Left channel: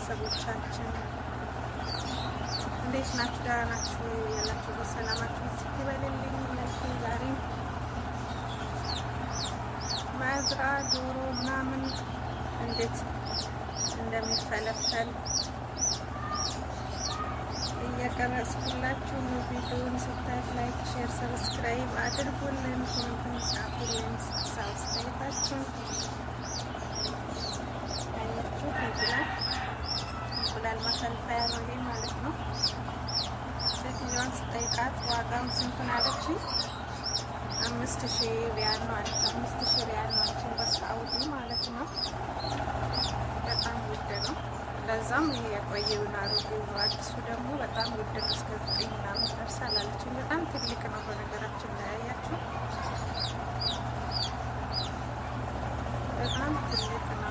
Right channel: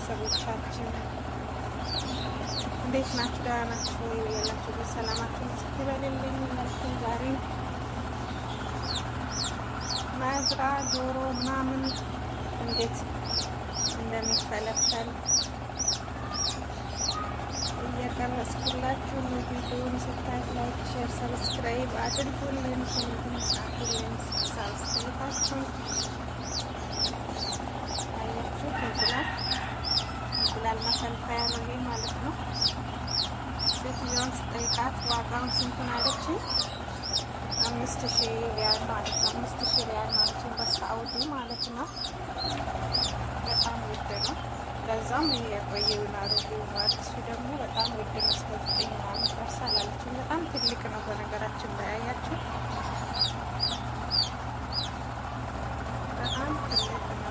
ቤተሰቦቻችን እንዴት ናችሁ? ደህና ናችሁ ወይ? ያላችሁ በሰላማችሁ ስትበልልኝ ላችሁ ዛሬ መዝራ ዶሮ ምናምን እንዴት እንደሚፈለፈል እየቀረጽኩላችሁ ቪዲዮውን ስታዩት ላይክ፣ ሼር፣ ሰብስክራይብ አድርጉልን። ኮሜንት ጻፉልን ሀሳብ አስተያየታችሁን። አያችሁ እንቁላል ማፈልፈያ ነው ይሄ ማለት ነው። ሴትዮዋን ስጠይቃት ዋጋውን ስንቱን አለችኝ። 5000 ሪያል ነው አለች። 5000 ሪያል ነው አለች በሳዑዲ ማለት ነው። በጣም ውድ ነው። ለዛም ይሄ የቆየውን አሮጌው ነው። አዲሱ ደግሞ በጣም ውድ ነው። እስከ 9 ምናምን ይደርሳል አለችኝ። በጣም ትልቅ ነው በነገራችን ላይ አያችሁ፣ በጣም ትልቅ ነው።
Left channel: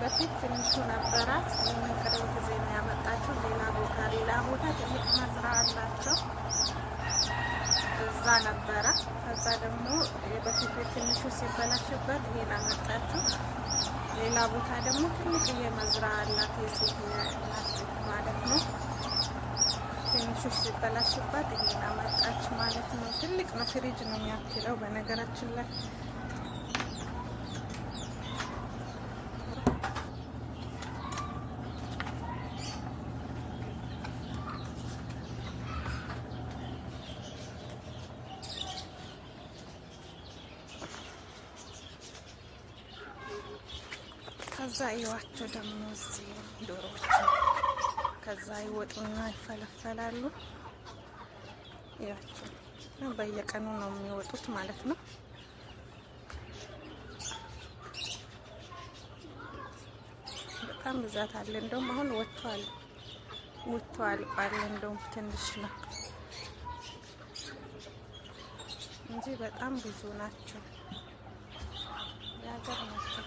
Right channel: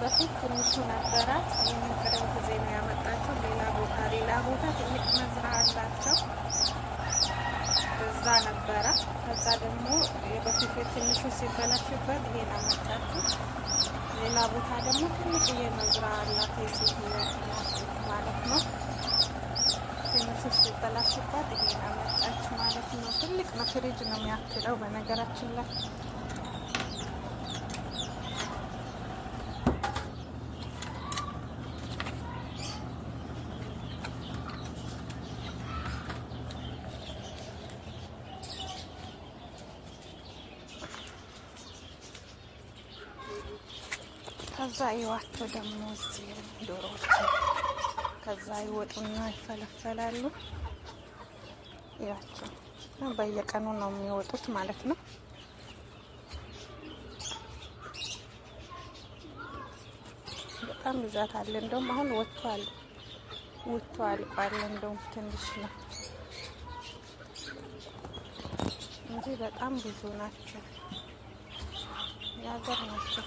በፊት ትንሹ ነበራት። ይህንን ቅርብ ጊዜ ነው ያመጣችው። ሌላ ቦታ ትልቅ መዝራ አላቸው፣ እዛ ነበረ። ከዛ ደግሞ በፊት ትንሹ ሲበላሽበት ይሄን አመጣችው። ሌላ ቦታ ደግሞ ትልቅ የመዝራ አላት የሴት ማለት ነው። ትንሹ ሲበላሽበት ይሄን አመጣች ማለት ነው። ትልቅ ነው፣ ፍሪጅ ነው የሚያክለው በነገራችን ላይ። ከዛ ይዋቸው ደግሞ እዚህ ዶሮዎች ከዛ ይወጡና ይፈለፈላሉ። ይዋቸው በየቀኑ ነው የሚወጡት ማለት ነው። በጣም ብዛት አለ። እንደውም አሁን ወጥቷል ቋል። እንደውም ትንሽ ነው እንጂ በጣም ብዙ ናቸው። የሀገር ናቸው።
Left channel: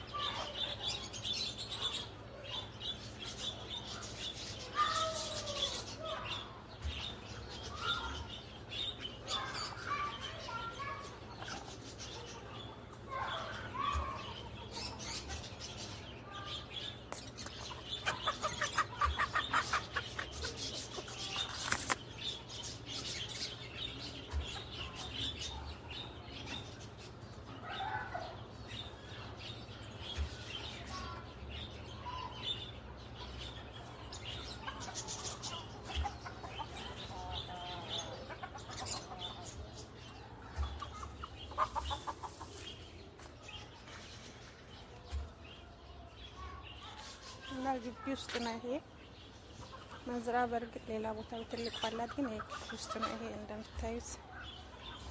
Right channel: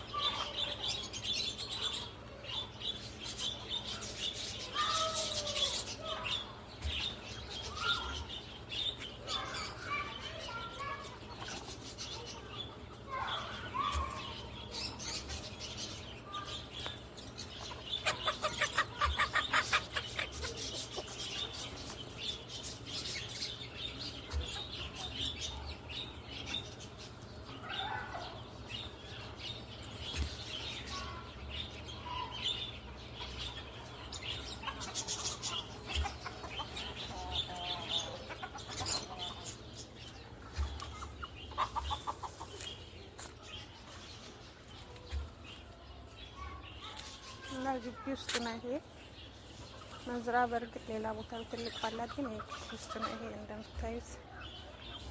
እና ግቢ ውስጥ ነው ይሄ መዝራ። በእርግጥ ሌላ ቦታ ትልቅ አላት፣ ግን ይሄ ግቢ ውስጥ ነው። ይሄ እንደምታዩት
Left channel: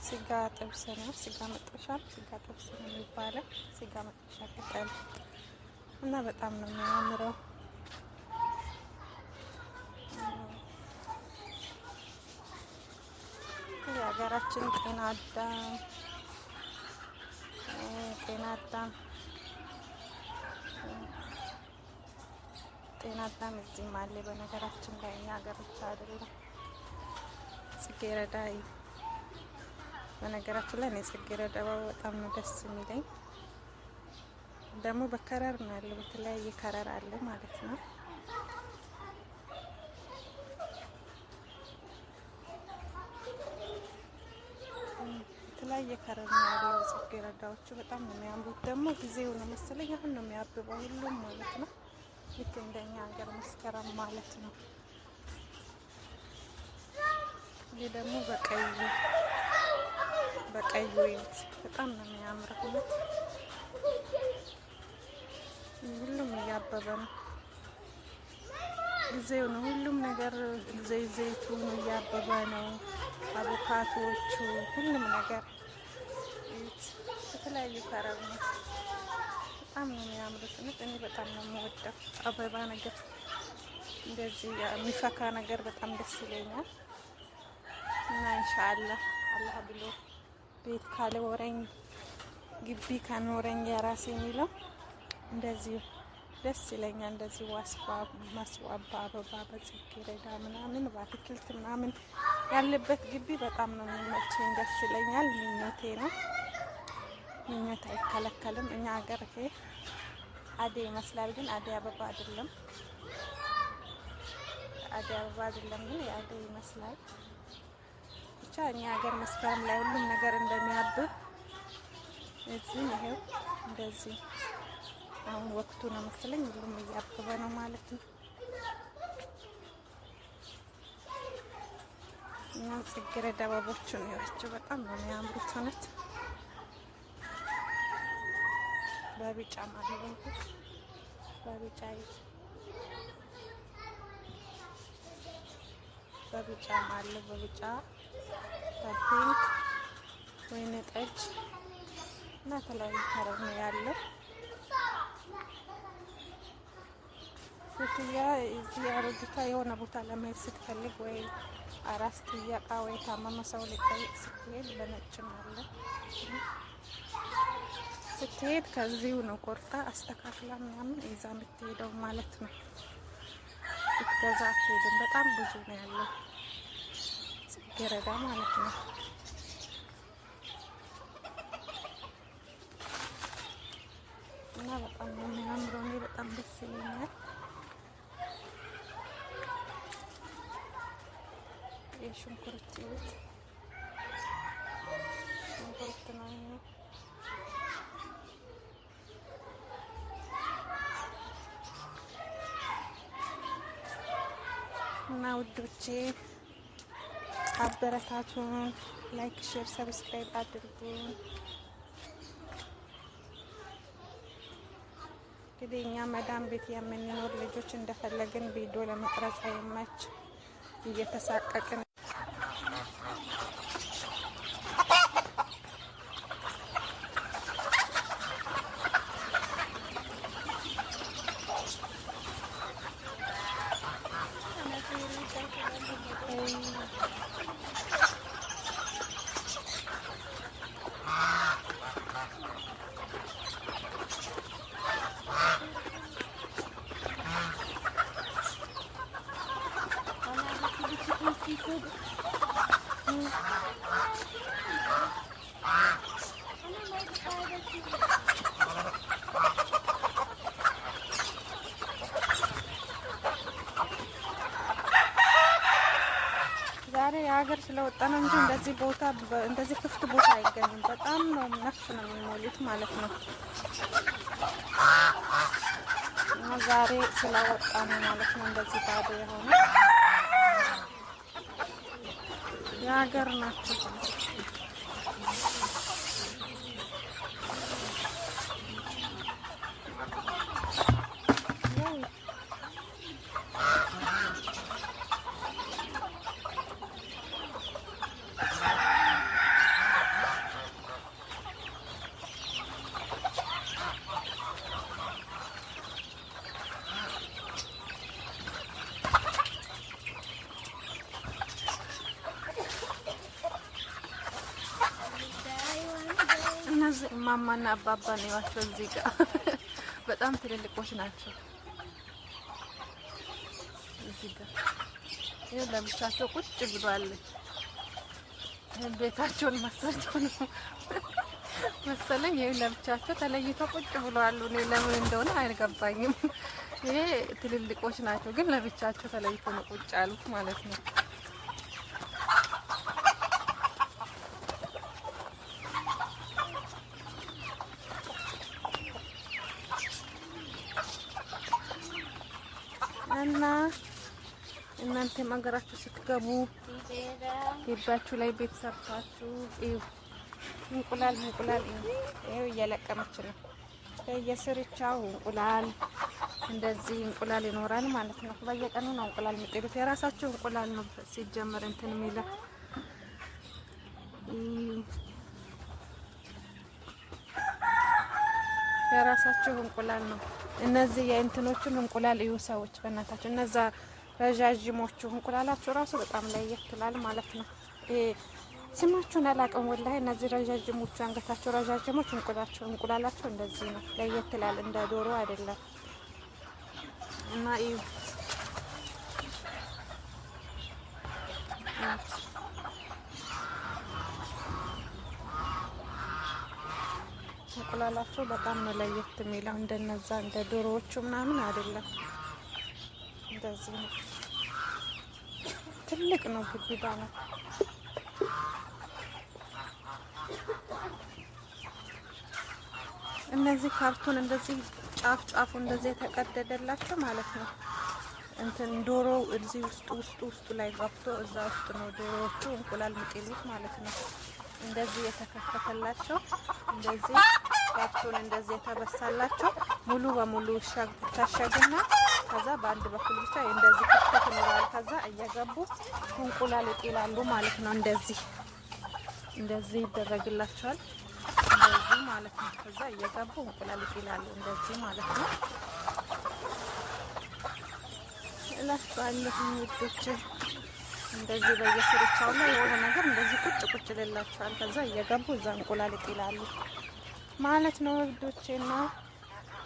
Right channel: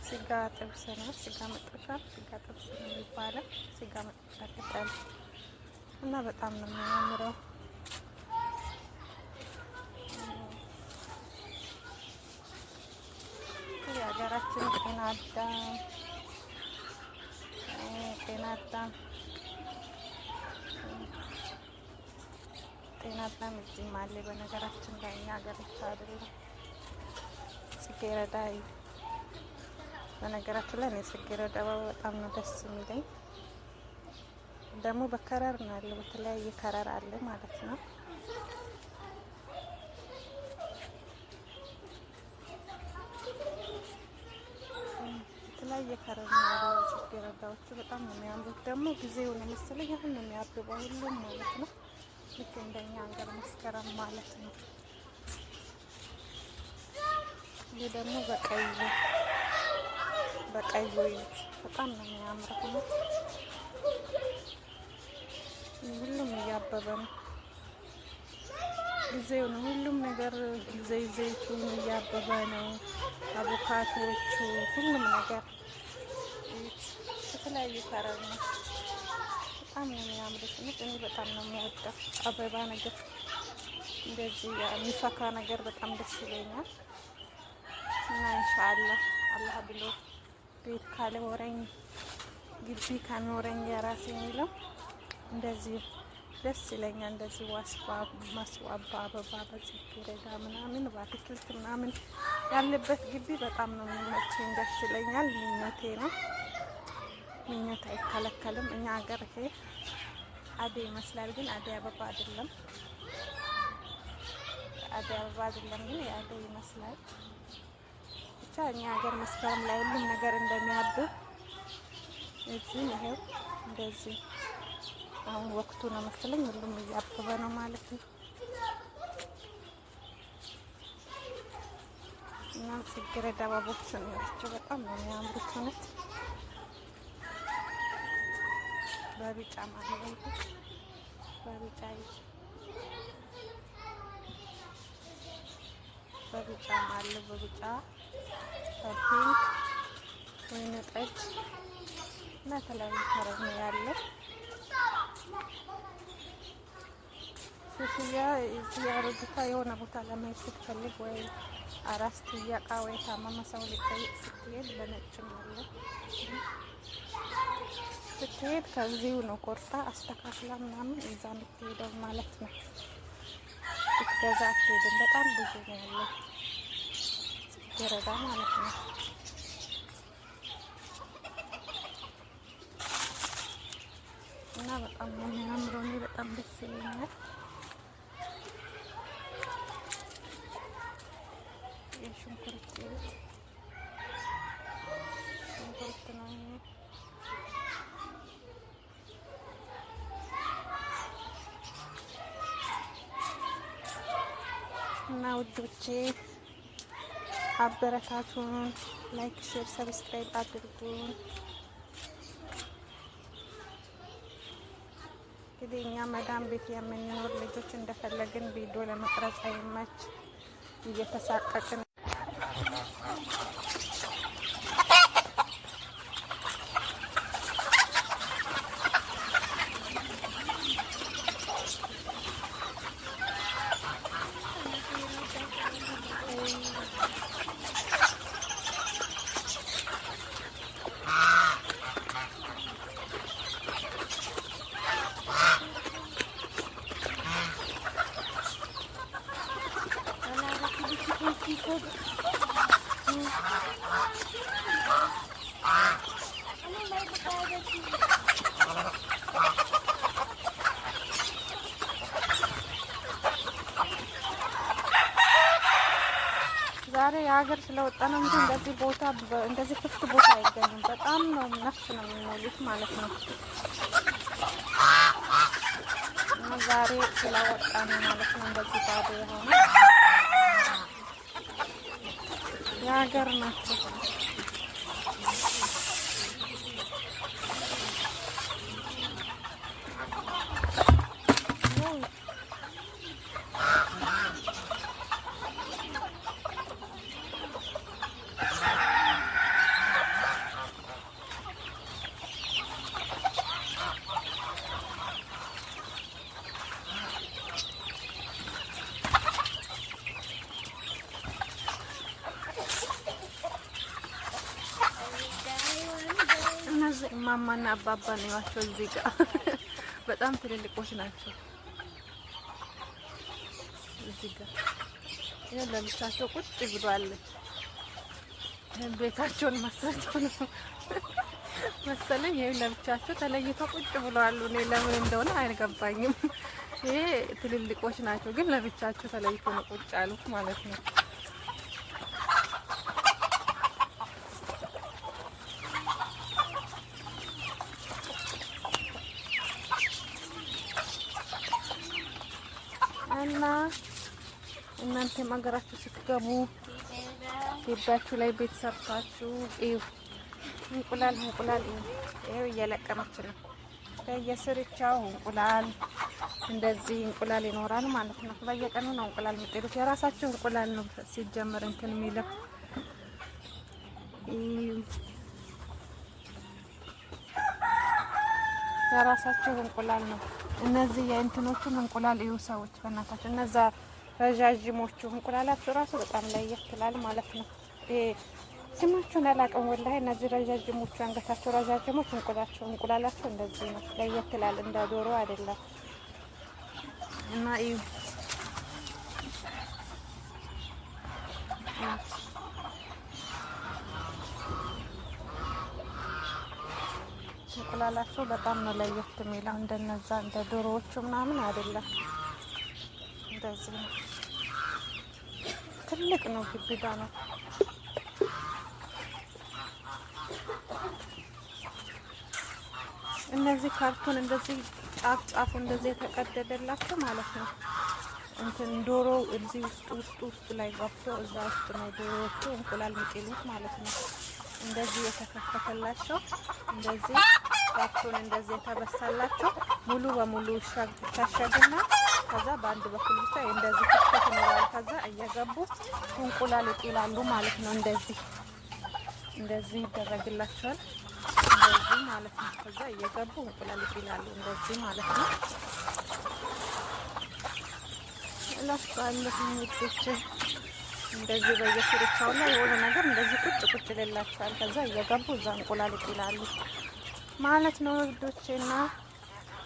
ስጋ ጥብስ ነው። ስጋ መጥበሻ፣ ስጋ ጥብስ ነው የሚባለው። ስጋ መጥበሻ ቅጠል እና በጣም ነው የሚያምረው። የሀገራችን ጤና አዳም እዚህም አለ። በነገራችን ላይ እኛ ሀገር ብቻ አይደለም። ጽጌረዳ በነገራችን ላይ እኔ ጽጌረዳ በጣም ነው ደስ የሚለኝ። ደግሞ በከረር ነው ያለው፣ በተለያየ ከረር አለ ማለት ነው። የተለያየ ከረር ነው ያለው። ጽጌረዳዎቹ በጣም ነው የሚያምሩት። ደግሞ ጊዜው ነው መሰለኝ አሁን ነው የሚያብበው ሁሉም ማለት ነው። ልክ እንደኛ ሀገር መስከረም ማለት ነው። ይህ ደግሞ በቀዩ በጣም ነው የሚያምረው። ሁሉም እያበበ ነው። ጊዜው ነው ሁሉም ነገር። ዘይቱን እያበበ ነው። አቮካዶቹ፣ ሁሉም ነገር የተለያዩ ከረር ነው። በጣም ነው የሚያምሩት። እኔ በጣም ነው የምወደው አበባ ነገር፣ እንደዚህ የሚፈካ ነገር በጣም ደስ ይለኛል። እና ኢንሻአላህ አላህ ብሎ ቤት ካልወረኝ ግቢ ካኖረኝ የራሴ የሚለው እንደዚህ ደስ ይለኛል። እንደዚህ ማስዋብ አበባ በጽጌረዳ ምናምን በአትክልት ምናምን ያለበት ግቢ በጣም ነው የሚመቸኝ፣ ደስ ይለኛል። ምኞቴ ነው። ምኞት አይከለከልም። እኛ ሀገር ይሄ አደይ ይመስላል፣ ግን አደይ አበባ አይደለም። አደይ አበባ አይደለም፣ ግን የአደይ ይመስላል። ብቻ እኛ ሀገር መስከረም ላይ ሁሉም ነገር እንደሚያብብ እዚህ ይሄው እንደዚህ አሁን ወቅቱ ነው መሰለኝ፣ ሁሉም እያበበ ነው ማለት ነው። እና ጽጌረዳ አበቦቹን ያቸው በጣም ነው የሚያምሩት እውነት። በቢጫ ማለት ነው። በቢጫ ማለት በቢጫ በፒንክ ወይን ጠጅ እና የተለያዩ ከለር ነው ያለው። ሴትዮዋ እዚህ አሮጊቷ የሆነ ቦታ ለመሄድ ስትፈልግ ወይ አራስ ጥያቃ ወይ ታመመ ሰው ልጠይቅ ስትሄድ በነጭ አለ ስትሄድ ከዚሁ ነው ቆርጣ አስተካክላ ምናምን ይዛ የምትሄደው ማለት ነው። ስትገዛ አትሄድም። በጣም ብዙ ነው ያለው ጽጌረዳ ማለት ነው። እና በጣም ነው የሚያምረው። እኔ በጣም ደስ ይለኛል። የሽንኩርት ሽንኩርት ነው ይሄ። እና ውዶቼ አበረታቱን፣ ላይክ፣ ሼር፣ ሰብስክራይብ አድርጉን። እንግዲህ እኛ መዳም ቤት የምንኖር ልጆች እንደፈለግን ቪዲዮ ለመቅረጽ አይመች እየተሳቀቅን ዛሬ የሀገር ስለወጣ ነው እንጂ እንደዚህ ቦታ እንደዚህ ክፍት ቦታ አይገኝም። በጣም ነው ነፍስ ነው የሚሞሉት ማለት ነው። እና ዛሬ ስለወጣ ነው ማለት ነው እንደዚህ ባዶ የሆነ የሀገር ናቸው። እነዚህ እማማና አባባ ነው ያቸው እዚህ ጋር በጣም ትልልቆች ናቸው። እዚህ ጋር ይሄ ለብቻቸው ቁጭ ብሏል። ቤታቸውን መስርተው ነው መሰለኝ። ይሄ ለብቻቸው ተለይተው ቁጭ ብለዋል። እኔ ለምን እንደሆነ አይገባኝም። ይሄ ትልልቆች ናቸው ግን ለብቻቸው ተለይተው ነው ቁጭ ያሉት ማለት ነው። እና እናንተ ሀገራችሁ ስትገቡ ግቢያችሁ ላይ ቤት ሰርታችሁ እንቁላል ይኸው እየለቀመች ነው። በየስርቻው እንቁላል እንደዚህ እንቁላል ይኖራል ማለት ነው። በየቀኑ ነው እንቁላል የሚጥሉት። የራሳቸው እንቁላል ነው ሲጀመር እንትን የሚለው የራሳቸው እንቁላል ነው። እነዚህ የእንትኖቹን እንቁላል እዩ ሰዎች በእናታቸው። እነዛ ረዣዥሞቹ እንቁላላቸው ራሱ በጣም ለየት ይላል ማለት ነው። ስማቸውን አላውቅም ወላሂ። እነዚህ ረዣዥሞቹ አንገታቸው ረዣዥሞች እንቁላላቸው እንደዚህ ነው፣ ለየት ይላል። እንደ ዶሮ አይደለም። እና እዩ እንቁላል እንቁላላቸው በጣም ነው ለየት የሚለው። እንደነዛ እንደ ዶሮዎቹ ምናምን አይደለም። እንደዚህ ነው። ትልቅ ነው፣ ግብዳ ነው። እነዚህ ካርቶን እንደዚህ ጫፍ ጫፉ እንደዚህ የተቀደደላቸው ማለት ነው። እንትን ዶሮ እዚህ ውስጡ ላይ ገብቶ እዛ ውስጥ ነው ዶሮዎቹ እንቁላል የሚጥሉት ማለት ነው። እንደዚህ የተከፈተላቸው እንደዚህ ካርቶን እንደዚህ የተበሳላቸው ሙሉ በሙሉ ታሸግና ከዛ በአንድ በኩል ብቻ እንደዚህ ክፍተት ይኖራል። ከዛ እየገቡ እንቁላል ይጥላሉ ማለት ነው። እንደዚህ ይደረግላቸዋል እንደዚህ ማለት ነው። ከዛ እየገቡ እንቁላል ይጥላሉ እንደዚህ ማለት ነው እላችኋለሁ ውዶች። እንደዚህ በየስርቻው ላይ የሆነ ነገር እንደዚህ ቁጭ ይላቸዋል። ከዛ እየገቡ እዛ እንቁላል ይጥላሉ ማለት ነው ውዶቼና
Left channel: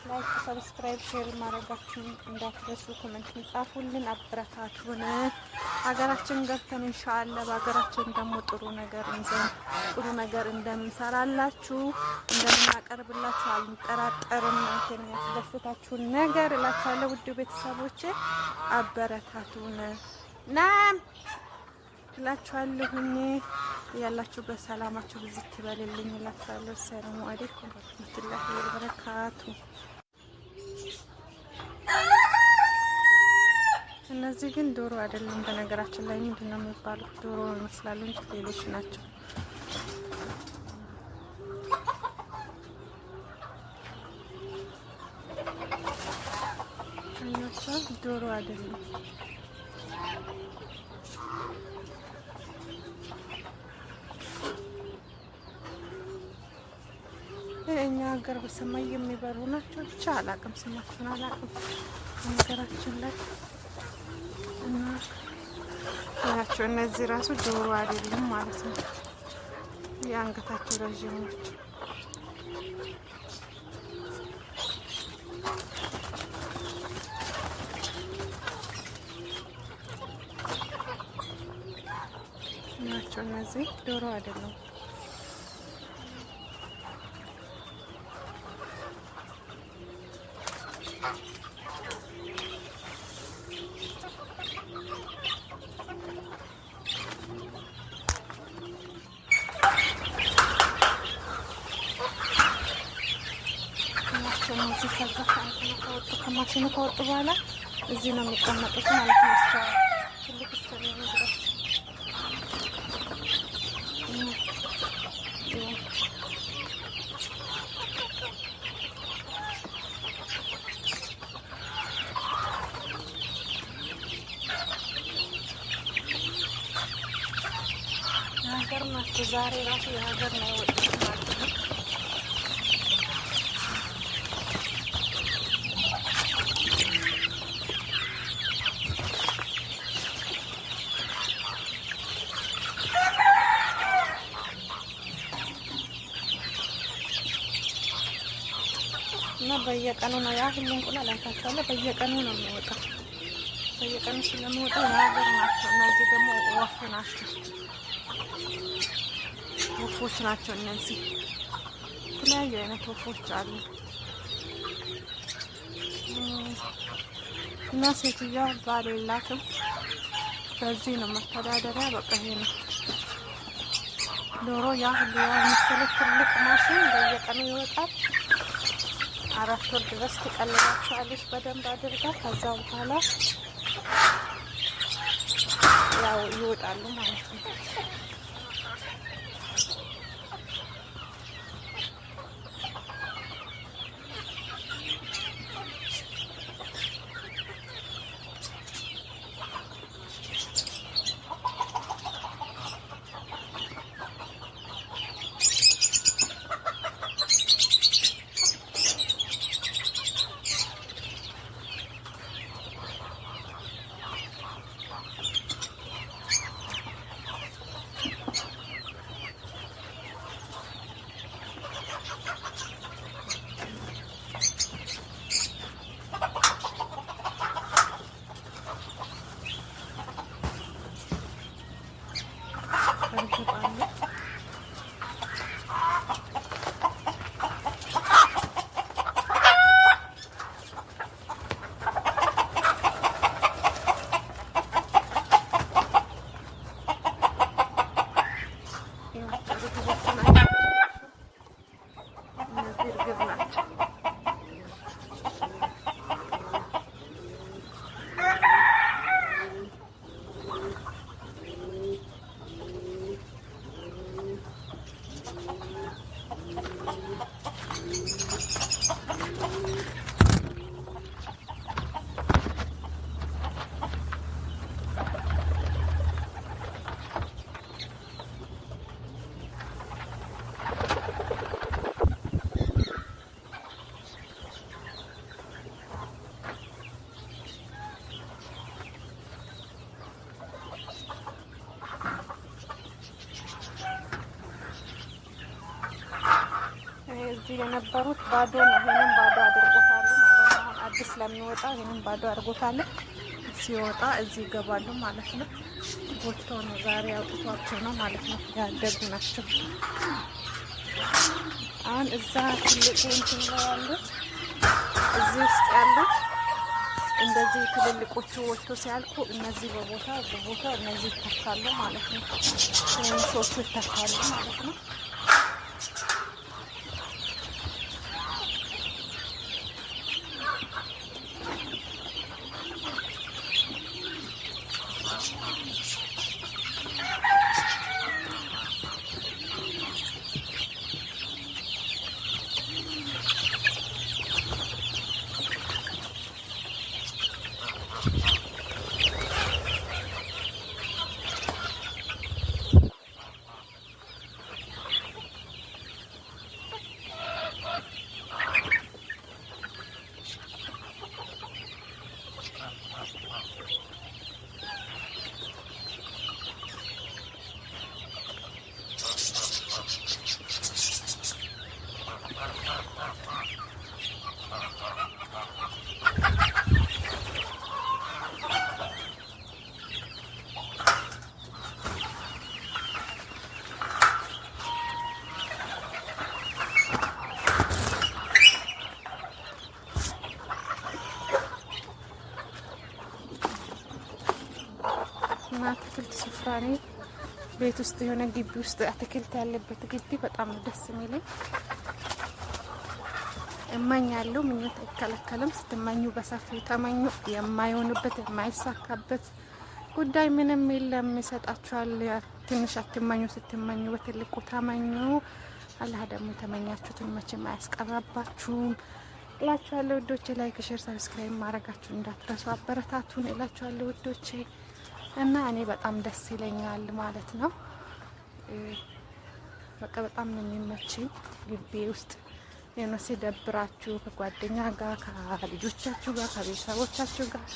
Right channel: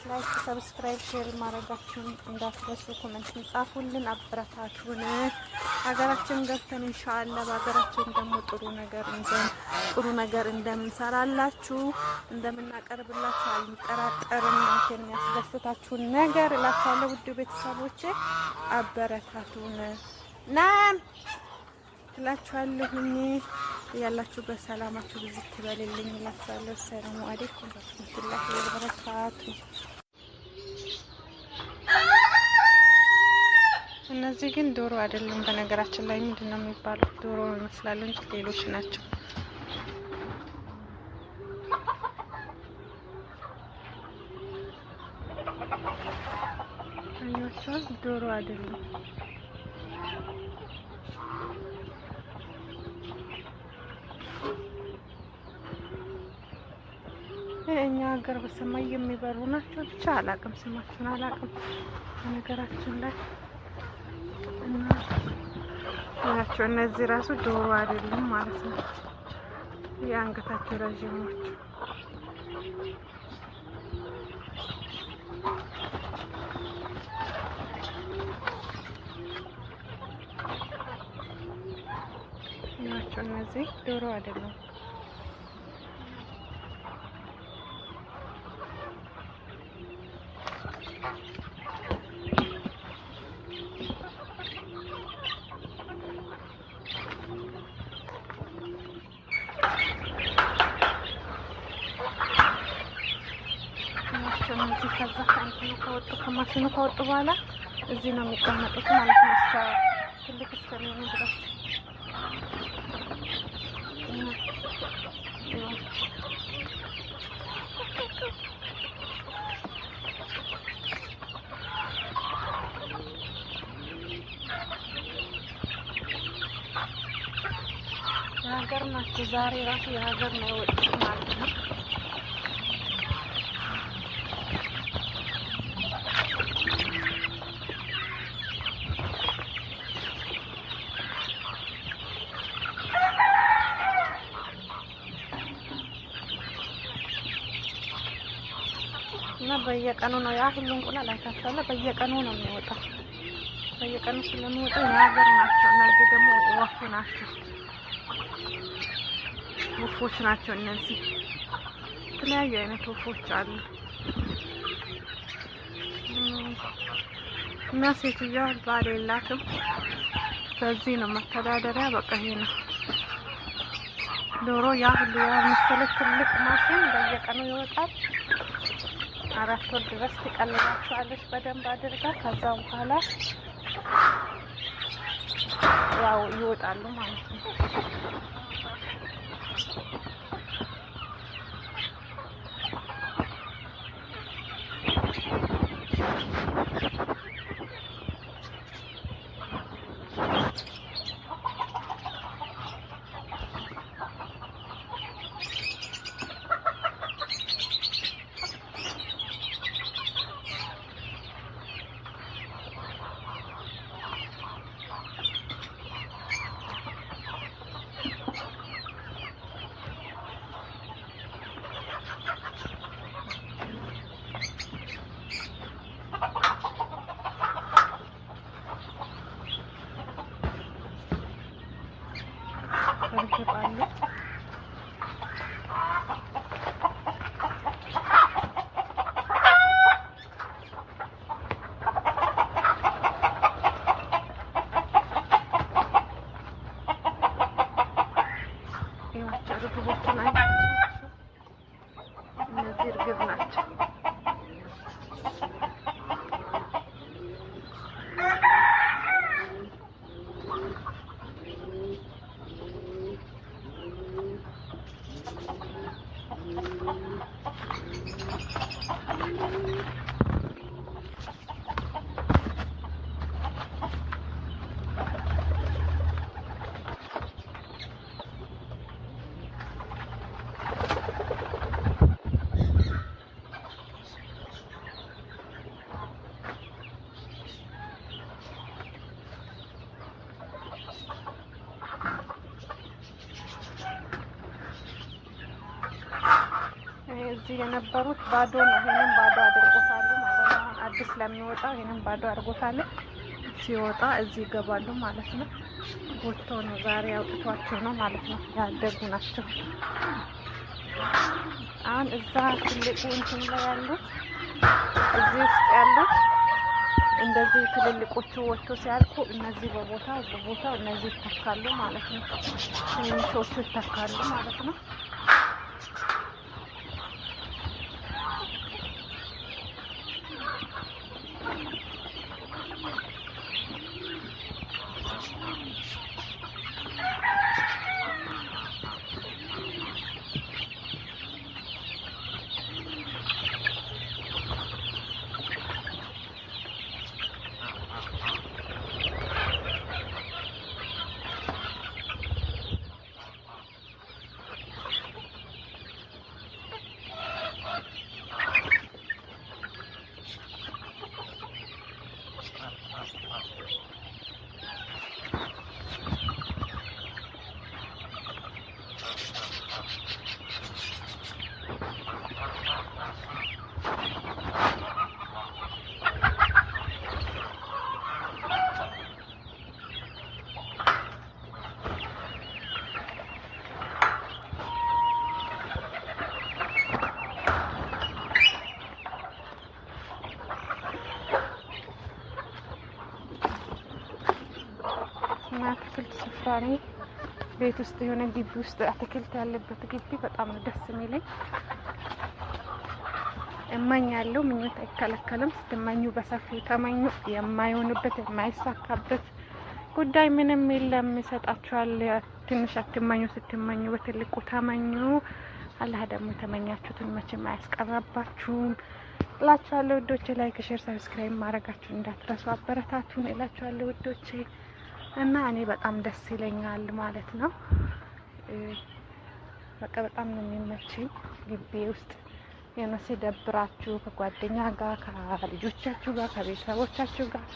ላይክ፣ ሰብስክራይብ፣ ሼር ማድረጋችሁን እንዳትረሱ። ኮሜንት ጻፉልን፣ አበረታቱን። ሀገራችን ገብተን ኢንሻአላህ በሀገራችን ደግሞ ጥሩ ነገር እንዘን ጥሩ ነገር እንደምንሰራላችሁ እንደምናቀርብላችሁ አልጠራጠርም። እናንተን ያስደስታችሁን ነገር እላችኋለሁ ውድ ቤተሰቦቼ፣ አበረታቱን ናም እላችኋለሁኝ። ያላችሁበት ሰላማችሁ ብዙ ትበልልኝ እላችኋለሁ። ሰላም አለይኩም ወራህመቱላሂ ወበረካቱ። እነዚህ ግን ዶሮ አይደሉም። በነገራችን ላይ ምንድነው የሚባሉት? ዶሮ ይመስላሉ እንጂ ሌሎች ናቸው። አያቸው ዶሮ አይደሉም። እኛ ሀገር በሰማይ የሚበሩ ናቸው። ብቻ አላቅም፣ ስማቸውን አላቅም በነገራችን ላይ እና ናቸው። እነዚህ ራሱ ዶሮ አይደሉም ማለት ነው። የአንገታቸው ረዥሞች ናቸው። እነዚህ ዶሮ አይደሉም። እነዚህ ከዛ ከማሽኑ ከወጡ በኋላ እዚህ ነው የሚቀመጡት ማለት ነው። እስከ ትልቅ እስከሚሆኑ ድረስ የሀገር ናቸው። ዛሬ ራሱ የሀገር ነው የወጡት ማለት ነው። እና በየቀኑ ነው ያ ሁሉ እንቁላል አይታችኋል። በየቀኑ ነው የሚወጣው። በየቀኑ ስለሚወጣ የሀገር ናቸው። እነዚህ ደግሞ ወፍ ናቸው፣ ወፎች ናቸው። እነዚህ የተለያዩ አይነት ወፎች አሉ። እና ሴትዮዋ ባል የላትም። በዚህ ነው መተዳደሪያ። በቃ ይሄ ነው ዶሮ። ያ ሁሉ ያ መሰለ ትልቅ ማሽን በየቀኑ ይወጣል። 4 ወር ድረስ ትቀልባቸዋለች በደንብ አድርጋ። ከዛ በኋላ ያው ይወጣሉ ማለት ነው። እርግጥ አለ። እዚህ የነበሩት ባዶ ነው። ይሄንን ባዶ አድርጎታል ማለት ነው። አሁን አዲስ ስለሚወጣ ይሄንን ባዶ አድርጎታል። ሲወጣ እዚህ ይገባሉ ማለት ነው። ወጥቶ ነው ዛሬ አውጥቷቸው ነው ማለት ነው። ያደጉ ናቸው። አሁን እዛ ትልቁ እንትን ላይ ያሉት እዚህ ውስጥ ያሉት እንደዚህ ትልልቆቹ ወጥቶ ሲያልቁ እነዚህ በቦታው እነዚህ ይተካሉ ማለት ነው። ትንሾቹ ይተካሉ ማለት ነው። እና አትክልት ስፍራ ነው። ቤት ውስጥ የሆነ ግቢ ውስጥ አትክልት ያለበት ግቢ በጣም ነው ደስ የሚለኝ። እመኛለሁ፣ ምኞት አይከለከልም። ስትመኙ በሰፊው ተመኙ። የማይሆንበት የማይሳካበት ጉዳይ ምንም የለም። ይሰጣችኋል። ትንሽ አትመኙ፣ ስትመኙ በትልቁ ተመኙ። አላህ ደግሞ የተመኛችሁትን መቼም አያስቀራባችሁም እላችኋለሁ ውዶቼ። ላይክ፣ ሼር፣ ሰብስክራይብ ማድረጋችሁን እንዳትረሱ። አበረታቱን እላችኋለሁ ውዶቼ። እና እኔ በጣም ደስ ይለኛል ማለት ነው። በቃ በጣም ነው የሚመችኝ ግቢ ውስጥ የነሱ ደብራችሁ ከጓደኛ ጋር ከልጆቻችሁ ጋር ከቤተሰቦቻችሁ ጋር